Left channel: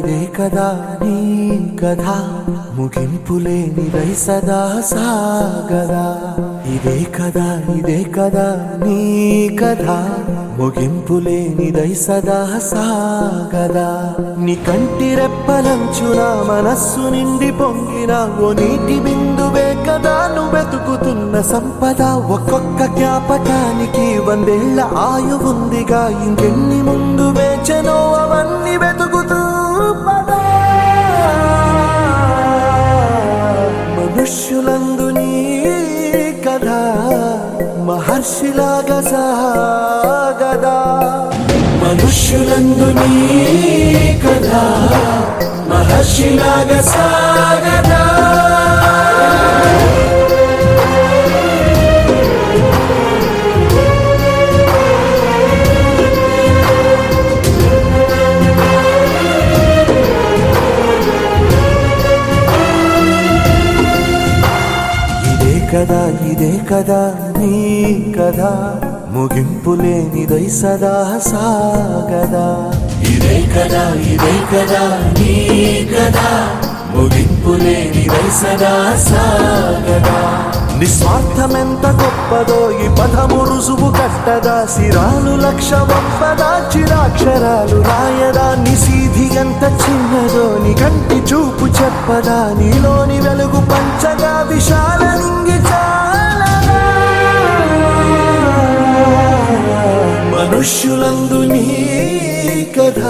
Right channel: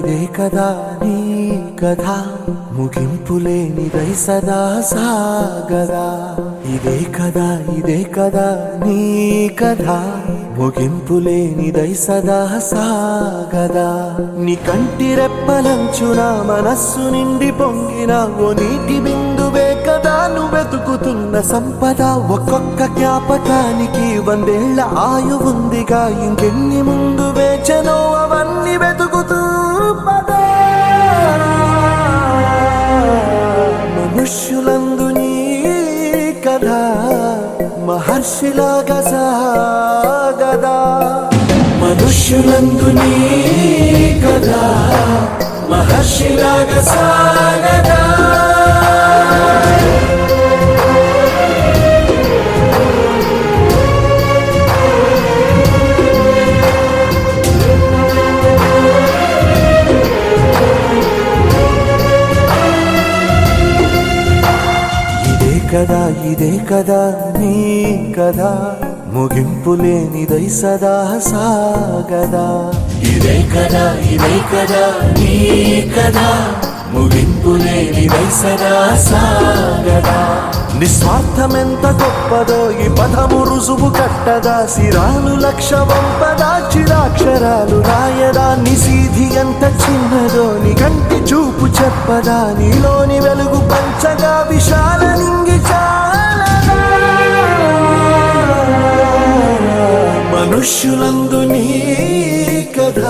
ఇదే కదా నీ కథ ముగింపులేనిదై సదా సాగదా. ఇదే కదా నీ కథ ముగింపులేనిదై సదా సాగదా. నీ కంటి రెప్పలంచున మనస్సు నిండి పొంగిన ఓ నీటి బిందువే కదా నువ్వెతుకుతున్న సంపద. ఒక్కొక్క జ్ఞాపకానికి 100 ఏళ్ల ఆయువుందిగా, ఇంకెన్ని ముందు వేచనో అవన్నీ వెతుకుతూ పదా. మనుష్యులందు నీ కథ మహర్షిలాగా సాగదా. మనుష్యులందు నీ కథ మహర్షిలాగా సాగదా. ఇదే కదా నీ కథ ముగింపులేనిదై సదా సాగదా. ఇదే కదా నీ కథ ముగింపులేనిదై సదా సాగదా. నిస్వార్థమెంత గొప్పదో ఈ పదము రుజువు కట్టదా. సిరాలు 1,00,000 వంపదా, చిరాక్షరాలు రాయదా. నిశీధి ఎంత చిన్నదో నీ కంటి చూపు చెప్పదా. నీలోని వెలుగు పంచగా విశాల నింగి చాలదా. మనుష్యులందు నీ కథ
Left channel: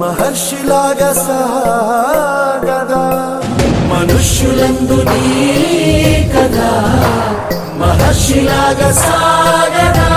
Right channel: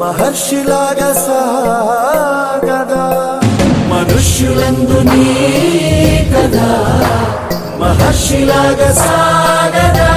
మహర్షిలాగా సాగదా. మనుష్యులందు నీ కథ మహర్షిలాగా సాగదా.